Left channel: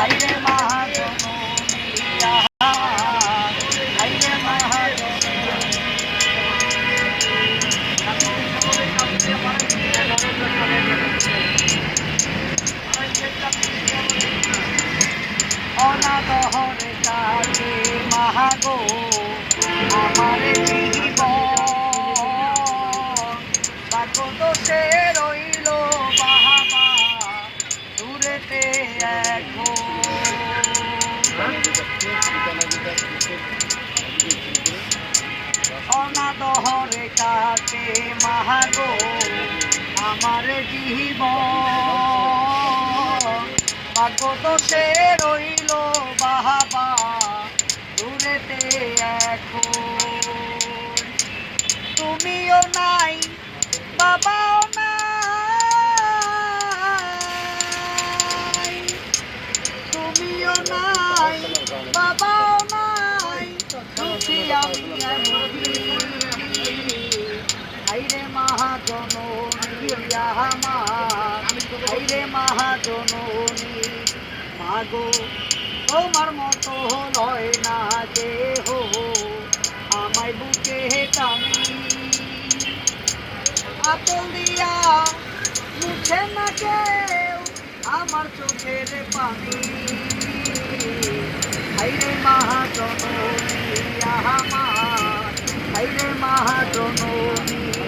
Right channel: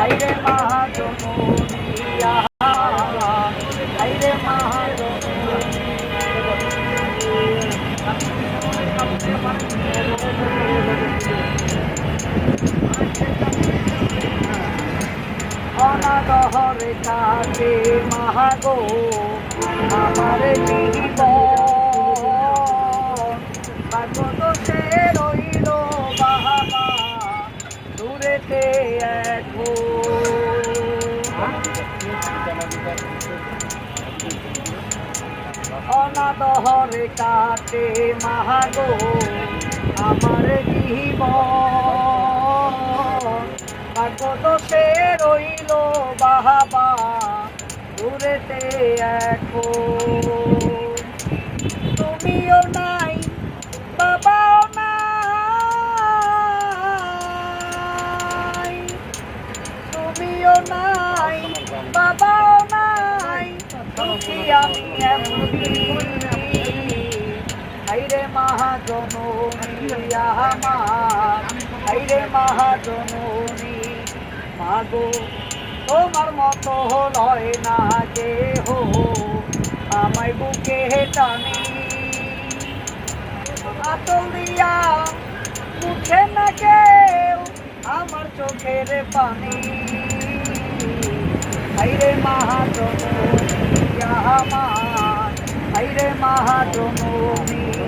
হাইরে মহাজননী হাইরে মহাজননী অনাদহরে কাজে মাহাগো আমার জীবন ভাগ্য সে রইল বাহাবা দূরেতে এখন অনাদহরে কাজে মাহাগো আমার জীবন ভাগ্য দোষে রইল বাহাবা দূরেতে এখন তুমিও নাই বাবাও নাই তুমিও নাই বাবাও নাই দুঃখী আমি এমনি হাইরে মহাজননী আমার হাইরে মহাজননী মাগো তোমার মতো লয় না যে হো আমায় বুকে টানি আতল দিয়া মুছে না কেউ আমার চোখের পানি হাইরে মহাজননী আমার হাইরে মহাজননী